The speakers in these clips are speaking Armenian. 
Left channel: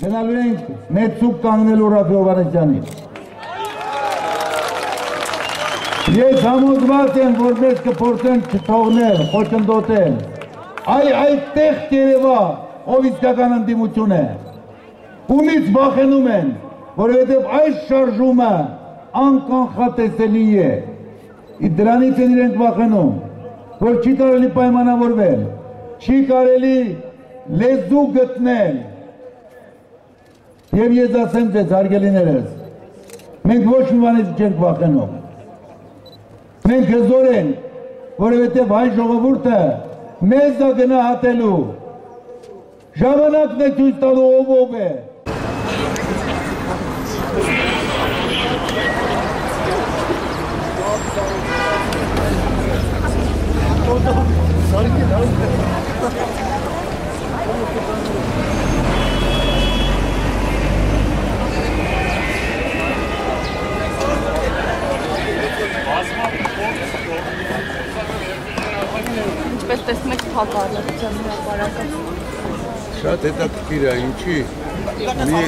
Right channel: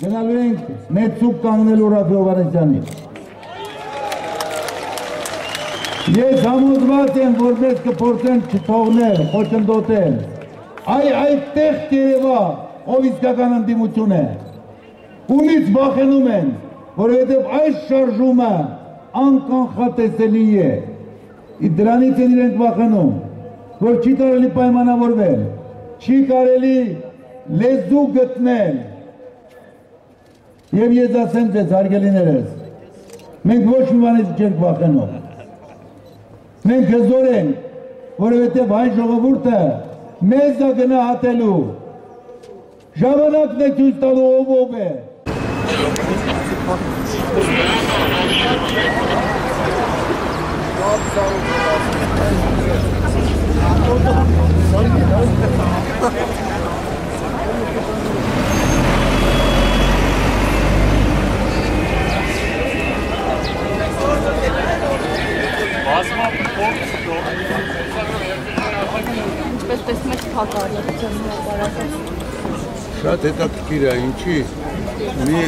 գնալու ենք մեծ ցուկ կանգնելու Ռաֆի Հովհաննիսյանին։ Ես համոզված եմ, որ մեզ կփորձեն չթողնել, խոչընդոտել։ Այդտեղ կերևա, ով իսկական ընդդիմություն է։ Ումից վախենում են, որովհետև այս շարժումը անկանխատեսելի է։ Դրանից են իրենք վախենում, որ չի կարելի պայմանավորվել, չի կարելի լեզու գտնել։ Եվ ես ասեմ ձեզ, հարգելիներս, մենք ոչ մի բանից չենք վախենում։ Մենք հզոր ենք, որովհետև հայ ժողովուրդը մեզ է գնահատելու։ Ժամանակն է ցույց տալու ով է։ Ինչպես տեսնում եք փակարարության հրապարակը։ Շատ հետաքրքիր է, ինչի մի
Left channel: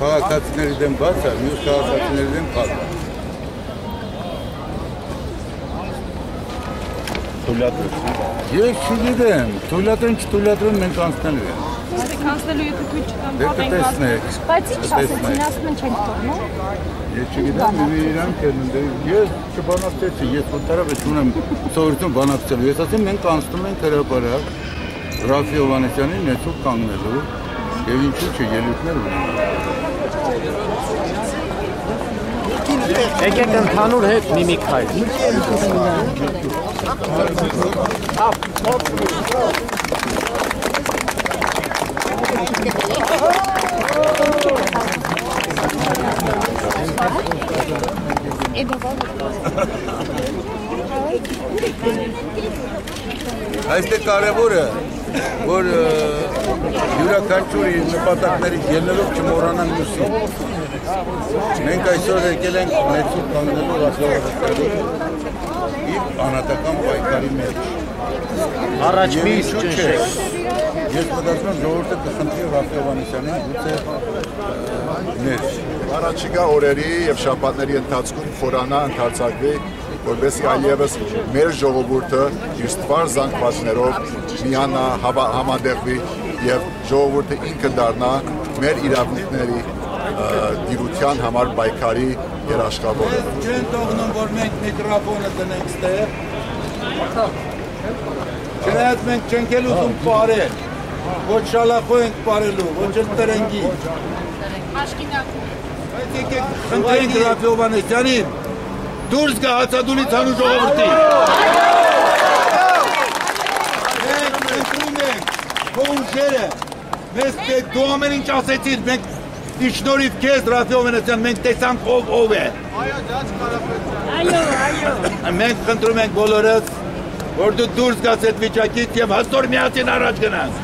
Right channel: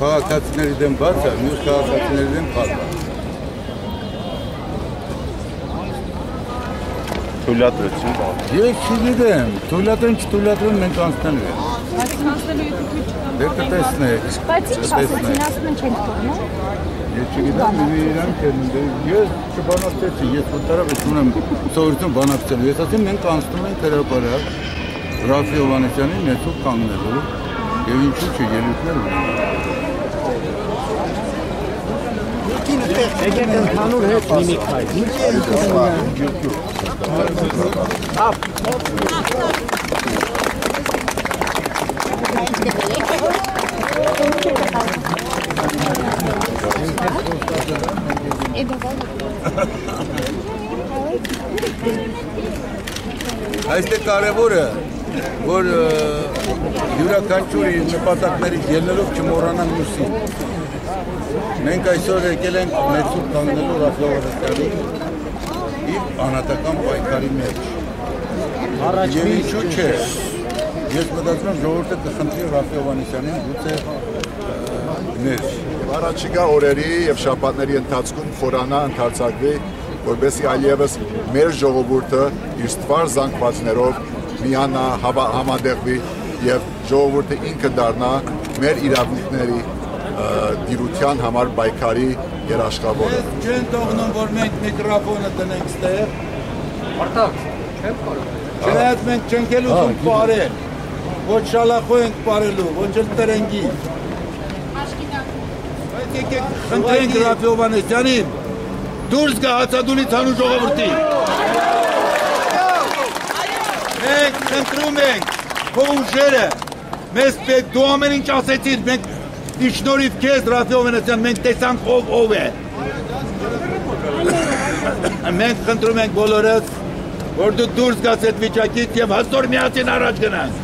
քաղաքացիների դեմ բաց է, մյուս քաղաքացիների դեմ փակ է։ Թույլատրեցին։ Ես չգիտեմ, թույլատրեն, չթույլատրեն մենք անցնելու ենք։ Բայց անցնելու եթե թույլ չկան։ Դե կտեսնեք։ Բայց ինչ ասեցին, ասում են չենք թողնու։ Ես չգիտեմ, իրանք են, ես չբանակցեցի, ես ոտարավ ունեմ սովորություն բանակցելու, ես ասեմ մենք անցնում ենք հրապարակ Ռաֆի Հովհաննիսյանին ներսուկ կանգնելու և ինչու չէ ելույթներ ունենք։ Եկեք ընդհանուր հետ միմիկ հայտ։ Այստեղ կարևոր է, որ յուրաքանչյուր իր նպատակներից ելնելով չմոռանան մյուսին։ Մենք այսօր եկել ենք ներսուկ կանգնելու Ռաֆի Հովհաննիսյանի իր անհատական պայքարի մեջ։ Եվ ինչու չէ, ես մտածում եմ ժողովուրդը կխնդրի Ռաֆի Հովհաննիսյանին գուցե ներս։ Առաջիկա օրերի և շաբաթների ընթացքում խորանա ընդարձակվի, որպեսզի այլևս մեր ժողովուրդը իր ստվար զանգվածներով միանա, համատեղվի և ժողովուրդը ինքը դառնա մեր իրավունքների դիրության համար պայքարի երաշխավորը։ Չեն թողնում, որ մենք միկրոֆոնը տնենք ստեղ։ Չնայած մենք չենք էլ ուզում պարել, ոչ շալախո ենք պարելու, ոչ էլ տրենգի։ Բայց եկեք խնդրենք Ռաֆի Հովհաննիսյանին դուրս գա հացադուլից հանու ժողովրդի։ Մենք խնդրում ենք քո ուժերը, մեզ պետք դու ամեն ինչ ասեցիր, մենք շնորհիվ քեզ Ռաֆի Հովհաննիսյան, մենք տեսանք ով է։ Մենք խնդրում ենք բոլորս, որ դու դուրս գաս այդ վիճակից և հզոր միասին առաջ գնանք։